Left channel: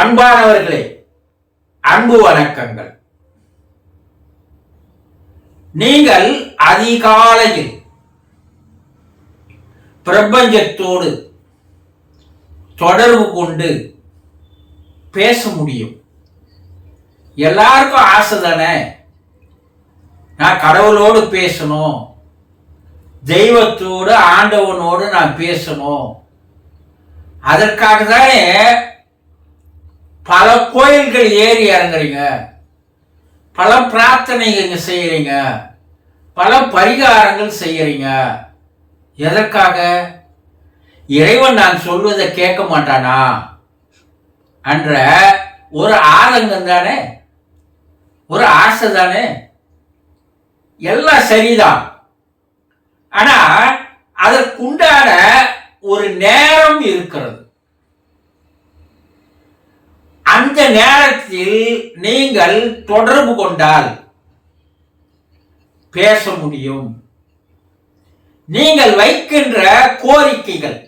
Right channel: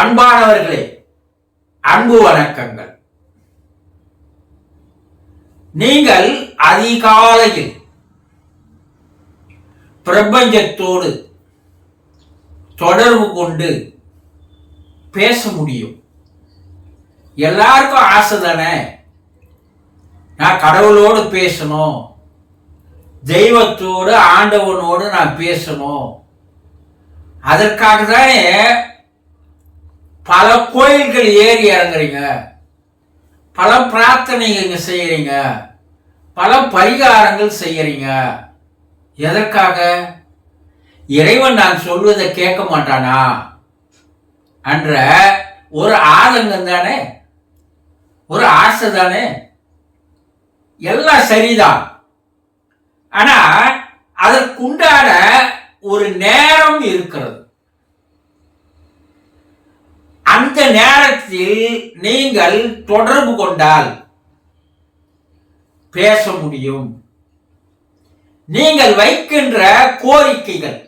அன்பானவர்களே, அன்பு வணக்கங்கள். நீங்கள் அதிகாலையில் பிரபஞ்சத்தோடு தொடர்பு கொண்டு பேச முடியும். எல்லாருக்கும் ஆசை தானே, நான் கடவுளோடு பேசணும், தெய்வத்தோடு ஆண்டவனோடு நான் பேசணும். அதற்காக தானே பல கோயில்கள் ஏறி இறங்குறீங்க, பல பிரார்த்தனைங்க செய்யறீங்க, பல பரிகாரங்கள் செய்யறீங்க. எதற்காக? இறைவன் நான் சொல்வதை கேட்க மாட்டானா என்ற ஒரு ஆதங்கம் தானே, ஒரு ஆசை தானே. எல்லாம் சரிதான். ஆனா அதற்குண்டான ஒரு நேரம் இருக்கிறது. அந்த நேரத்தில் நீங்கள் தொடர்பு கொண்டால் பேச முடியும். நீங்கள் வைக்கின்ற கோரிக்கைகள்,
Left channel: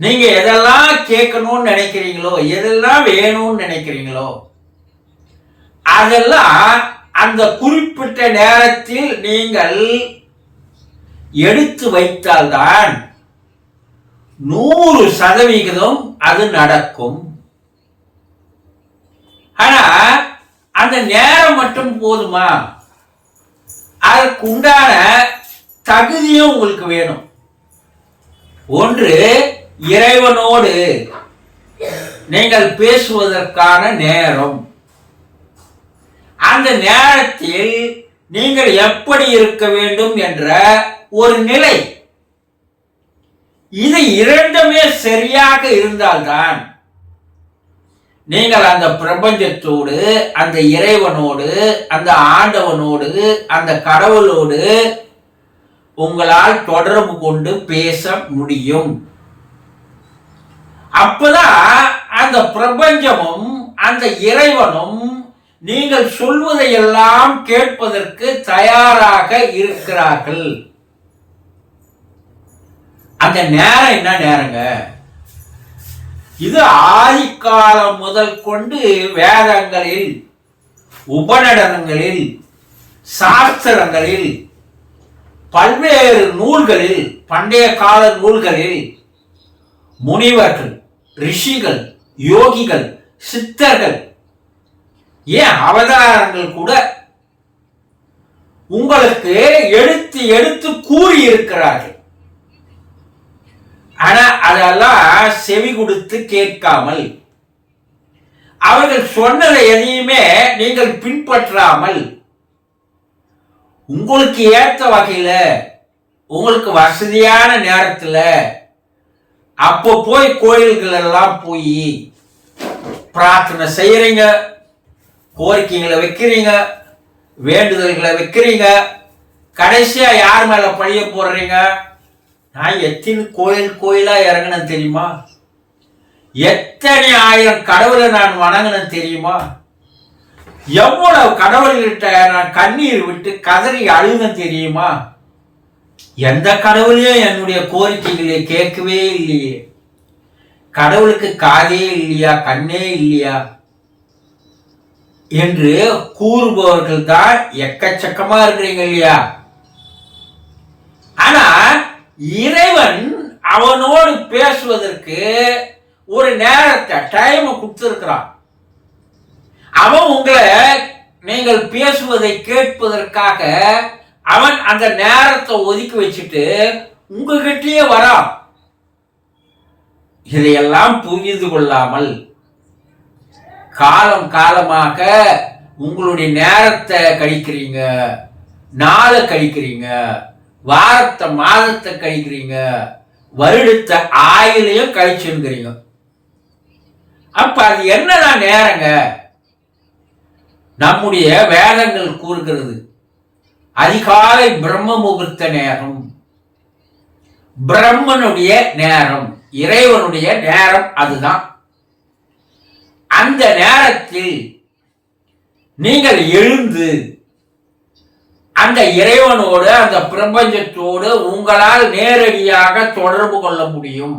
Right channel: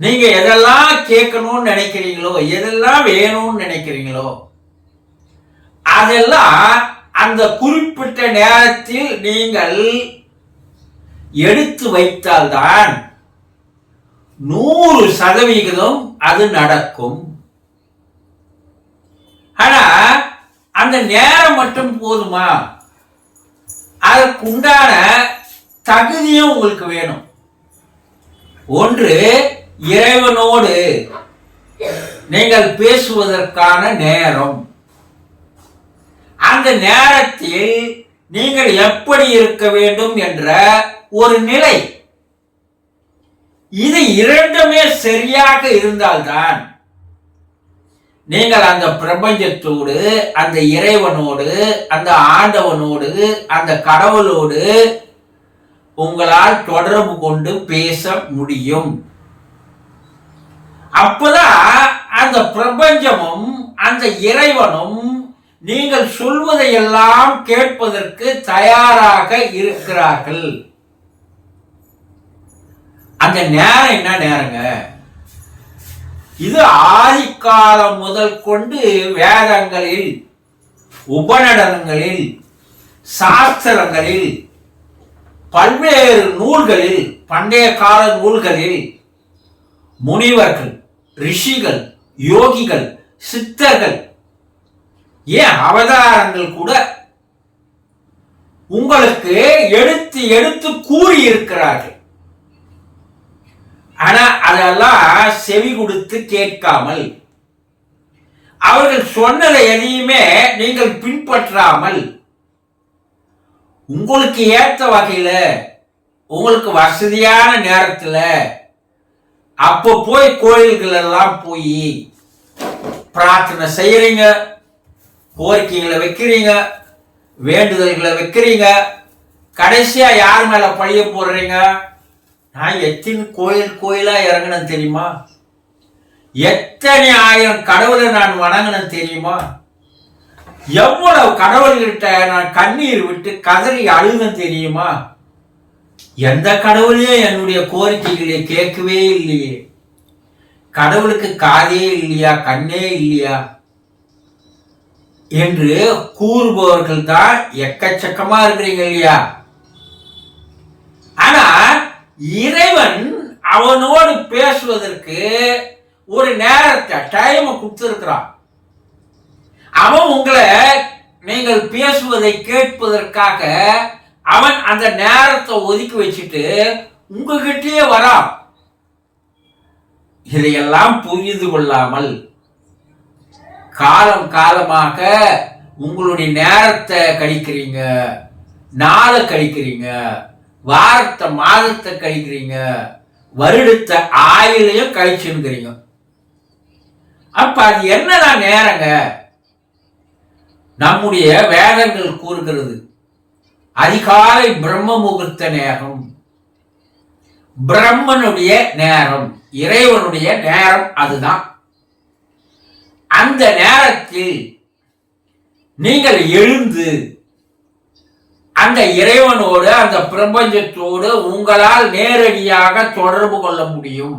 நீங்க எதெல்லாம் கேட்கணும்னு நினைக்கிறீங்களோ, எதெல்லாம் வேணும்னு நினைக்கிறீங்களோ, அதெல்லாம் அந்த குறிப்பிட்ட நேரத்தில் நீங்கள் எடுத்து வைத்தால்தான் 100% அது நடக்கும். ஆனா அந்த நேரம் மட்டும் போதுமா? அதற்கு உண்டான தகுதியும் உங்களுக்கு வேணும். ஒன்று, இறைவனோடு நீங்கள் பேசுவதற்கான நேரம். அந்த நேரத்தில் நீங்கள் எப்படி இருக்க வேண்டும் என்ற ஒரு நிலை, இது இரண்டுமே சரியாக இருந்தால்தான் நீங்கள் அந்த பிரபஞ்சத்தோடு, அந்த இறைவனோடு, அந்த ஆண்டவனோடு, அந்த கடவுளோடு உங்களால் தொடர்பு கொண்டு பேச முடியும். அப்பதான் அந்த பிரபஞ்சமும் அந்த இறைவனும் நீங்கள் சொல்வதையெல்லாம் கேட்பதற்கு தயாராக இருக்கிறார்கள். அந்த நேரம் என்ன நேரங்க? இது ஆதிக்காலம் முதல் கொண்டு வேதங்களில், உபநடனங்களில், சாஸ்திரங்களில், பல்வேறு நூல்களில், பண்டைய கால நூல்களில் முனிவர்கள், ரிஷிகள், யோகிகள், சித்தர்கள், ஏன் அவதாரங்கள் கூட உங்களுக்கு எடுத்து எடுத்து கூறியிருக்கிறார்கள். ஆனா அதெல்லாம் செவி கொடுத்து கேட்காமல், அவர்கள் சொன்னதை எதையுமே நீங்கள் பின்பற்றாமல், உங்களுக்கு ஏற்ற வகையில, உங்களுக்கு வசதியான நேரத்தில் அப்போ போய் கோயில்கள் எல்லாம் போய் பிரார்த்தனை செய்யறீங்க, கோரிக்கைகளை வைக்கிறீங்க, வேண்டுதல்களை வைக்கிறீங்க. கடைசியா யார் மேல பழிய போடுறீங்க? நான் எத்தனை கோயிலா இறங்கினேன் தெரியுமா? எத்தனை ஆயிரம் கடவுளை நான் வணங்கினேன் தெரியுமா? எவ்வளவு கடவுள்கிட்ட நான் கண்ணீர் விட்டு கதறி அழுதேன் தெரியுமா? எந்த கடவுளையும் என்னுடைய கோரிக்கைகளை கேட்கவே இல்லையே. கடவுளுக்கு காதே இல்லையா, கண்ணே இல்லையா என்று கூறுபவர்கள் தான் எக்கச்சக்கமா இருக்கிறீங்க இல்லையா? ஆனா இறைவன் அவனோடு பேசுவதற்கு ஒரு நேரத்தை, டைம் கொடுத்திருக்கிறான். அவன் உங்களை நீங்கள் பேசுவதை கேட்பதற்காக அவன் அந்த நேரத்தை ஒதுக்கி வச்சுட்டு உங்ககிட்டயே வரான். இதையெல்லாம் புரிந்து கொள்ளாமல் காலம் காலமாக உங்களுடைய நேரத்தை கழிக்கிறீங்க, நாளை கழிக்கிறீங்க, வாரத்தை மாதத்தை கழிக்கிறீங்க, வருடத்தை ஆயுளையும் கழிச்சுங்கிறீங்க. அப்ப அது என்னதான் நேரங்க? நம்முடைய வேதங்கள் கூறுகிறது, அதிகாலை பிரம்ம முகூர்த்த நேரம், பிரம்மனுடைய நேரம், இறைவனுடைய நேரம். அதுதான் அந்த நேரத்தில் நீங்கள் எழுந்து அந்த இறைவனோடு, அந்த பிரபஞ்சத்தோடு உங்களால் நேரடியாக தொடர்பு கொள்ள முடியும்.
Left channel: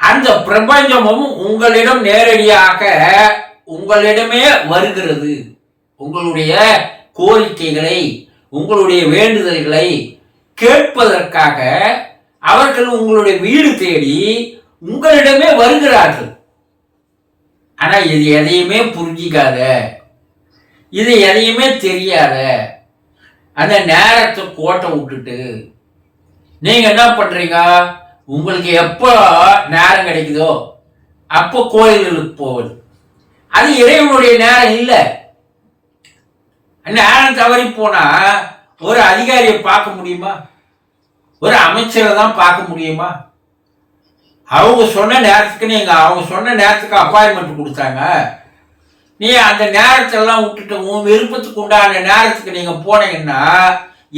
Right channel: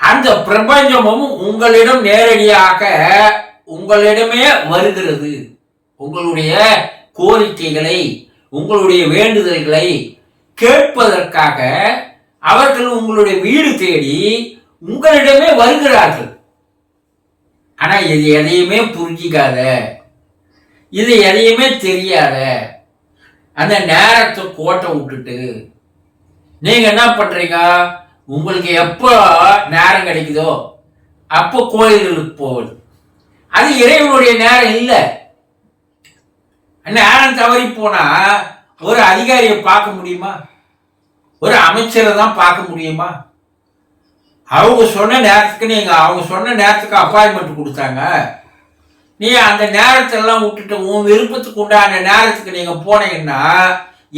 அந்த பிரபஞ்சமும் உங்களிடம் நேரடியாக உங்களிடமே வருகிறது. உங்களுடைய கோரிக்கைகளை, உங்களுடைய வேண்டுதல்களை கேட்பதற்காக அவர்கள் உங்களுடைய வீடு தேடி உங்களிடமே வருகிறார்கள். ஆனா இது எதையுமே புரிஞ்சிக்காத, இது எதையுமே தெரியாத அந்த நேரத்தை கோட்டை விட்டுட்டு நீங்க என்ன பண்றீங்க? உங்களுக்கு எப்போ நேரம் கிடைக்குதோ அப்போ கோயில்களுக்கு போவது. அது இறைவனுடைய நேரம் இல்லை. நேரம் தவறி போனா ஒரு அதிகாரியை பார்க்க முடியுமா? ஒரு அமைச்சரை தான் பார்க்க முடியுமா? அவங்க சொன்ன நேரத்துக்கு அப்பாயின்மெண்ட் கொடுத்தாங்க. நீ அந்த நேரத்தெல்லாம் விட்டுட்டு உன் விருப்பத்துக்கு உண்டான நேரத்துக்கு நீங்க போனீங்கன்னா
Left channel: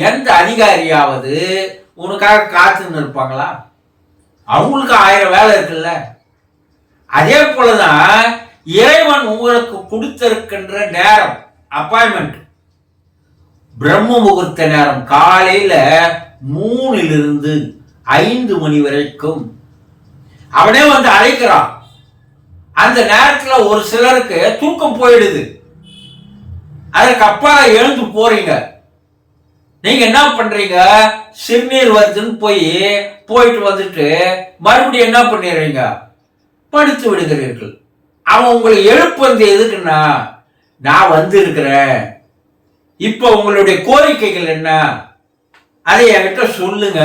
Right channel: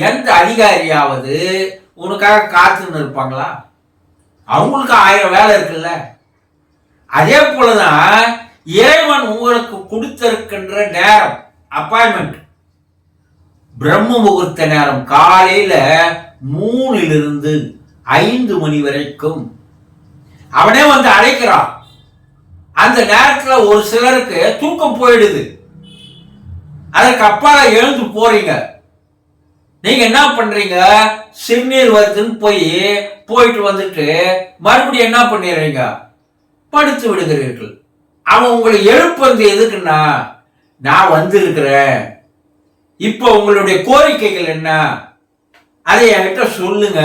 எந்த அதிகாரியாவது உனக்காக காத்துன்னு இருப்பாங்களா? அவங்களுக்கு 1000 வேலை இருக்குல்ல. அதே போலதான் இறைவன் உங்களுக்கு கொடுத்திருக்கின்ற நேரம், அப்பாயின்மெண்ட், பிரம்ம முகூர்த்த நேரம் காலையில 3 to 5 மணி வரைக்கும் அவனே வந்து அழைக்கிறான். அந்த நேரத்துல ஒரு சிலருக்கு தூக்கம் போயிடுது. அதற்கு அப்பால எழுந்து போறீங்க. நீங்க என்ன பண்றீங்க? சிறுநீர் வருதுன்னு போயிட்டு வந்துட்டு மறுபடியும் என்ன பண்ணிடுறீங்க? படுத்து விடுகிறீர்கள். அவன் உங்களை எழுப்பது எதுக்குன்னா, நான் வந்து இருக்கிறேன், இப்ப உங்களுடைய கோரிக்கைகள் என்ன, அதை என்கிட்ட சொல்லுங்க,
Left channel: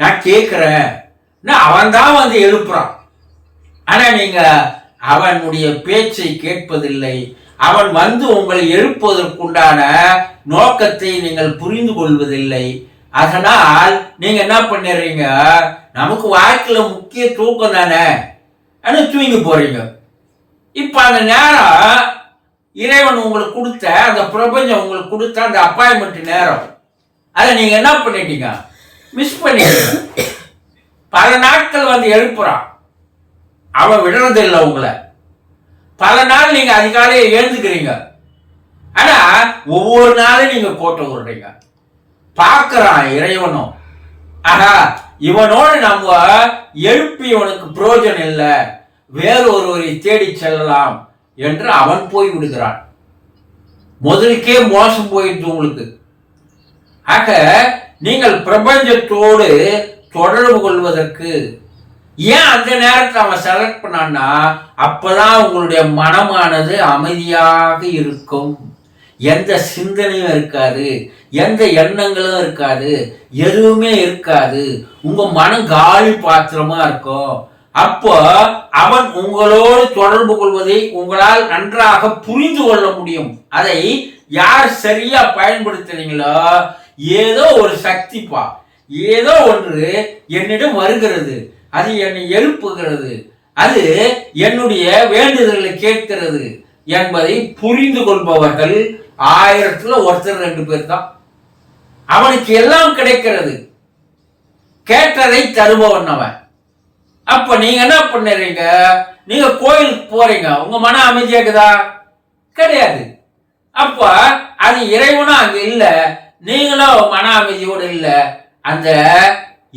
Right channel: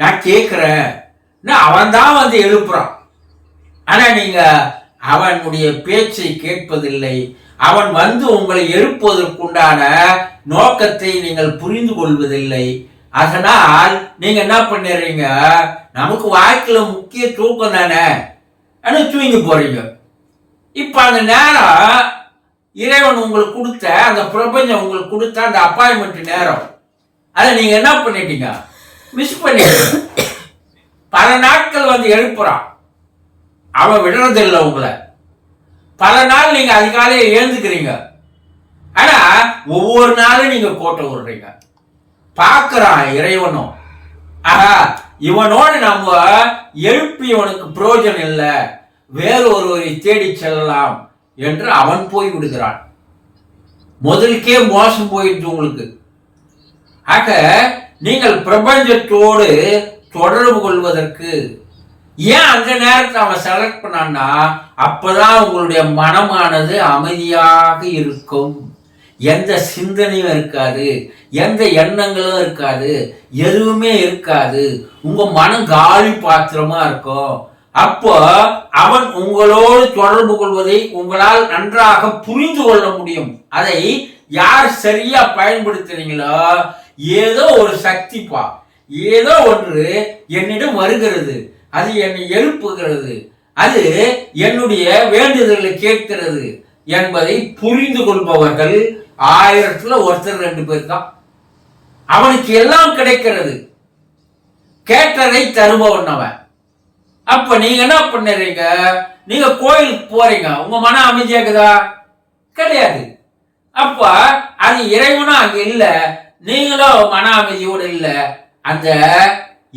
நான் கேட்கிறேன். அவன் தான் வந்து எழுப்புறான். ஆனா நீங்க அவனுடைய பேச்சை கேட்பதில்லை. அவன் வந்து உங்களை எழுப்புவதற்குண்டான நோக்கத்தை நீங்கள் புரிந்து கொள்வதில்லை. அதனால் நீங்க என்ன பண்ணிடுறீங்க? நமக்கு வாழ்க்கையில முக்கிய தூக்கம் தானே, தூங்கி போறீங்க. இப்ப அந்த நேரம் இறைவன் உங்களுக்கு கொடுத்த, அந்த பிரபஞ்சம் உங்களுக்கு கொடுத்த அந்த அப்பாயின்மெண்ட் நேரம், அதை நீங்க என்ன பண்ணிட்டீங்க? மிஸ் பண்ணிட்டீங்க. பல நாட்கள் வந்து எழுப்புறான், அவன் விடுறதில்லை உங்களை. பல நாள் நீங்க அதிகாலையில் எழுந்துக்கிறீங்க. ஆனா ஒவ்வொரு நாளும் நீங்க கோட்டை விடுறீங்க. பார்க்கிறான் இறைவனும், ஆஹா இவனோடு நம்ம எழுப்பி இவனுக்கு பிரயோஜனம் இல்லை, வேறு ஒருவரை தேடி செல்லலாம் என்று அவன் போய் விடுகிறான். முதலுக்கே மோசம் போயிடுச்சு உங்களுக்கு. ஆக நீங்கள் பிரபஞ்சத்தோடு தொடர்பு கொள்வதற்கு ஏன் அந்த நேரத்தில் அவன் செலக்ட் பண்ணான்னா, அப்பதான் உங்களுடைய மனமானது அமைதியாக இருக்கும். எந்த சிந்தனையும் இருக்காது, எந்த எண்ணங்களும் இருக்காது, எதுவுமே இருக்காது. உங்க மனம் காலி பாத்திரமா இருக்கும். அப்போ அவன் உங்களோடு தொடர்பு கொள்வதை உங்களால் நன்றாக புரிந்து கொள்ள முடியும். அதை யார் சரியா பயன்படுத்துறீங்களோ, ஏதோ ஒரு சக்திப்பா, ஏதோ ஒன்று என்னிடம் வருகிறது, அது என்னை எழுப்புகிறது, அது என்னுடைய வேண்டுதல்களை கேட்கிறது என்பதை புரிந்து கொள்பவர்கள் 1000ல் 1 2 பேர் தான். அவனுக்கு எல்லாம் கிடைக்கிறது, கேட்டதை தருபவன் அவன். அப்ப நீங்க என்ன பண்ணுறீங்க? நீங்க கோயிலுக்கு போறீங்க, உங்க மன அமைதியாக்குதா? கிடையாது. அப்ப அது இறைவனும் அங்க இல்லை, நீங்களும் மன அமைதியோடு இல்லை. அந்த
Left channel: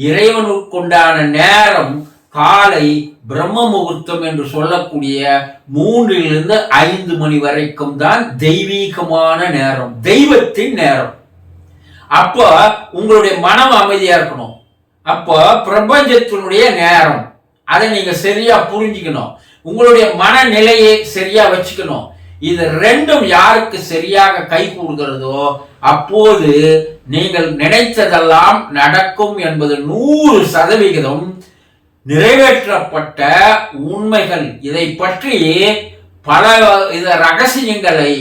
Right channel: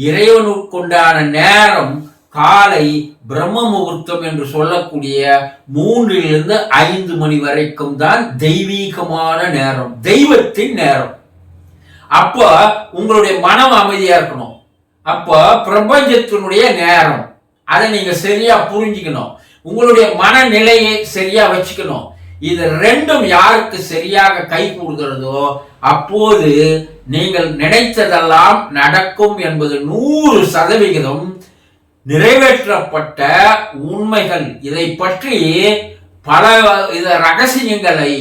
இறைவனுக்குண்டான நேரம் காலை பிரம்ம முகூர்த்தம் என்று சொல்லக்கூடிய 3 to 5 மணி வரைக்கும் தான் தெய்வீகமான நேரம், தெய்வத்தின் நேரம். அப்போ உங்களுடைய மனம் அமைதியா இருக்கணும். அப்போ பிரபஞ்சத்தினுடைய நேரம், அதை நீங்க சரியா புரிஞ்சுக்கணும். உங்களுடைய மனநிலையை சரியா வச்சுக்கணும். இது ரெண்டும் யாருக்கு சரியாக கை கூடுகிறதோ அப்போது நீங்கள் நினைத்ததெல்லாம் நடக்கும் என்பது 100% நிறைவேற்றப்பட்ட உண்மைகள். இதை பற்றி பல ரகசியங்களை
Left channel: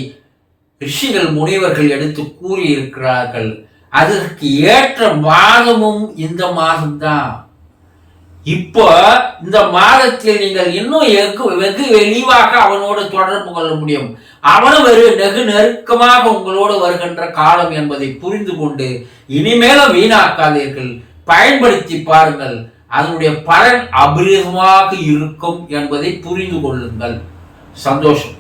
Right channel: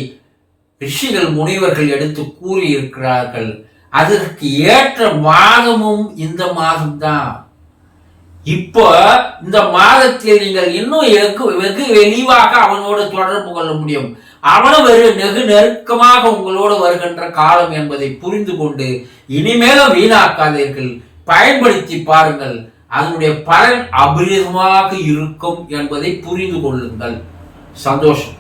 ரிஷிகள் முனிவர்கள் எடுத்து கூறியிருக்கிறார்கள். அதற்கு ஏற்ற மாதமும் இந்த மாதம்தான். இப்போ இந்த மாதத்தில் நீங்கள் இன்னும் வெகு வெளிவாக அவனோடு தொடர்பு கொள்ள முடியும். அவனும் வெகு நெருக்கமாக உங்களோடு வருகின்ற காலம் என்பதை புரிந்து கொண்டு இனிமேலும் வீணாக்காதீர்கள், பயன்படுத்தி பாருங்கள். அதனுடைய பலன் அபரிதமாக இருக்கும் என்பதை புரிந்து கொள்ளுங்கள். சந்தோஷம்.